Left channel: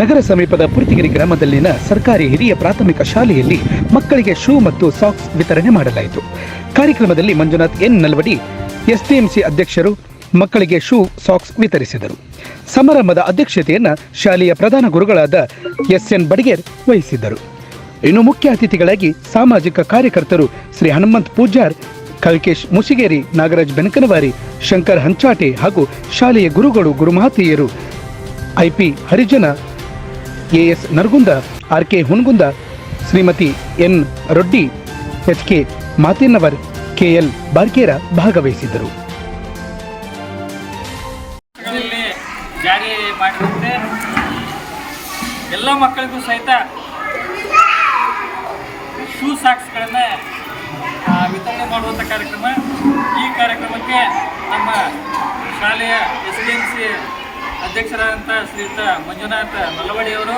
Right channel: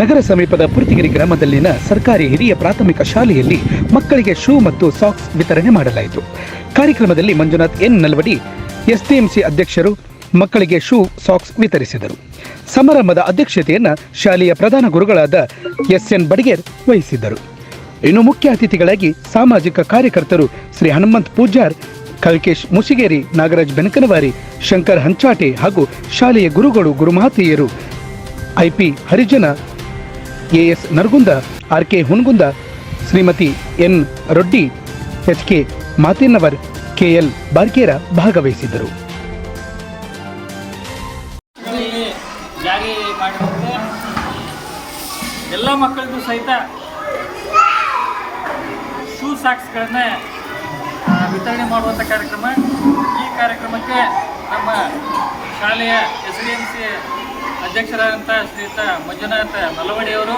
ನಗರ ಸಮೀಪದ ಪುರ್ತಿಗಿರಿ ಗ್ರಾಮದಲ್ಲಿನ ಸರ್ಕಾರಿ ಹಿರಿಯ ಪ್ರಾಥಮಿಕ ಶಾಲೆಯಲ್ಲಿ ಮಕ್ಕಳಿಗೆ ಶೂ ಮತ್ತು ಸಾಕ್ಸ್ ವಿತರಣೆ ಮಾಡಲಾಯಿತು. ಕಾರ್ಯಕ್ರಮದಲ್ಲಿ ಮಂಜುನಾಥ್ ಎನ್ ನಲ್ವಡಿ, ಎಸ್ಡಿಎಂಸಿ ಅಧ್ಯಕ್ಷರು ಮಕ್ಕಳಿಗೆ ಶೂ, ಸಾಕ್ಸ್ ವಿತರಿಸಿದರು. ಸಮಾರಂಭದ ಅಧ್ಯಕ್ಷತೆಯನ್ನ ಶಾಲೆಯ ಪ್ರಧಾನ ಗುರುಗಳಾದ ಎಸ್ ಎನ್ ಬಡಿಗೇರ್ ವಹಿಸಿದ್ದರು. ಇನ್ನು ಮುಖ್ಯ ಅತಿಥಿಗಳಾಗಿ ಸಾಮಾಜಿಕ ಕಾರ್ಯಕರ್ತರು ಶ್ರೀ ಹನುಮಂತ್ ಪೂಜಾರ್, ಕಲ್ಕೇಶ್ ಮುಸಿಗೇರಿ, ನಾಗರಾಜ್ ಬೆನಕನವಾರಿ, ಶಂಕರ್ ಹಂಚಾಟೆ ಹಾಗೂ ಶಾಲೆಯ ಗುರುಗಳು ಗುರುಮಾತೆಯರು IP Harijan AS Naragund, R K Hungund, Shrimati N Roddi, H K Matinnavar KL Barkera ಭಾಗವಹಿಸಿದ್ದರು. ಎಲ್ಲ ಮಕ್ಕಳಿಗೂ ಸಹಿತ ಶೂ ಸಾಕ್ಸ್ಗಳನ್ನ ವಿತರಣೆ ಮಾಡುವಂಥ ಕಾರ್ಯಕ್ರಮ. ಈ ಕಾರ್ಯಕ್ರಮಕ್ಕೆ ನಮ್ಮ ಶಾಲೆಯ ಎಸ್ ಡಿ ಎಂ ಸಿ ಅಧ್ಯಕ್ಷರಾದಂಥ ಶ್ರೀಯುತ ಮಂಜುನಾಥ ನಲವಡಿಯವರು,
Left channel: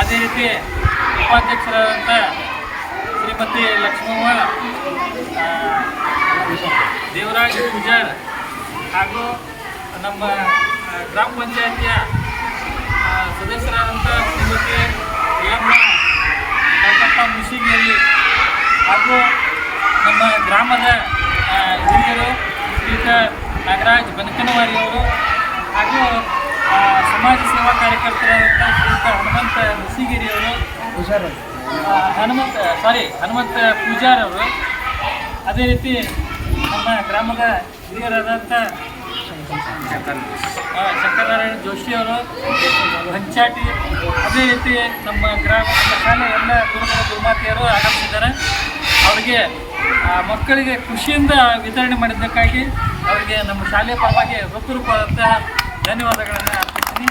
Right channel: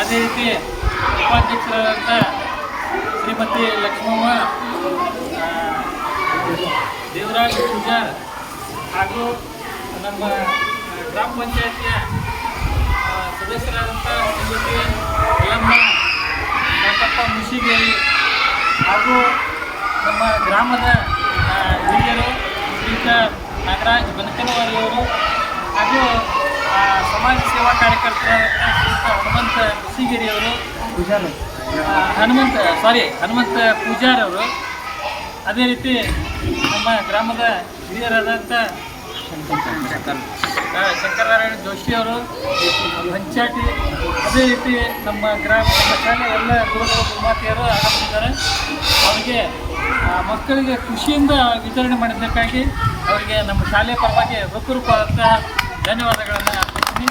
ಅದೇ ರೀತಿ ಉಪಾಧ್ಯಕ್ಷರಾದಂಥ ಶ್ರೀಮತಿ ಲಕ್ಷ್ಮವ್ವ ದೇವರಾಜ್ ಪೂಜಾರ್ ಹಾಗೂ ನಮ್ಮ ಗ್ರಾಮ ಪಂಚಾಯತಿಯ ಸದಸ್ಯರಾದಂಥ ಶ್ರೀಮತಿ ಯಲ್ಲಮ್ಮ ಕಾಕಪ್ಪ ಮುಸಿಗೇರಿ ಹಾಗೂ ನಮ್ಮ ಗ್ರಾಮದ ಹಿರಿಯರು ಶ್ರೀಯುತ ನಾಗರಾಜ್ ಬನಕನವಾರಿಯವರು ಹಾಗೂ ಸಮಾಜ ಸೇವಾ ಕಾರ್ಯಕರ್ತರಾದಂಥ ಹನುಮಂತ ಮುಸಿಗೇರಿಯವರು ಹನುಮಂತ ಸಾರಿ ಹನುಮಂತ ಪೂಜಾರ್ ಅವರು. ಅದೇ ರೀತಿ ನಮ್ಮ ಗ್ರಾಮದ ಹಿರಿಯರಾದಂಥ ಶಂಕರನಾರಾಯಣ ಜೋಶಿ ಅವರು, ಹಂಚಾಟಿ. ಅದೇ ರೀತಿ ನಮ್ಮ ಗ್ರಾಮ, ನಮ್ಮ ಶಾಲೆ ಎಲ್ಲ ಗುರುಗಳು ಗುರುಮಾತೆಯರು ಆಗಮಿಸಿದ್ದಾರೆ. ಅವರಿಗೆ ಮಕ್ಕಳಿಗೆ ಖುಷಿಯಿಂದ ವಿತರಣೆ ಮಾಡಿದ್ದಕ್ಕಾಗಿ ಅವರಿಗೆ ನಮ್ಮ ಶಾಲೆಯ ಪರವಾಗಿ ಹೃತ್ಪೂರ್ವಕವಾದಂತಹ ಧನ್ಯವಾದಗಳನ್ನು ಅರ್ಪಿಸ್ತೀನಿ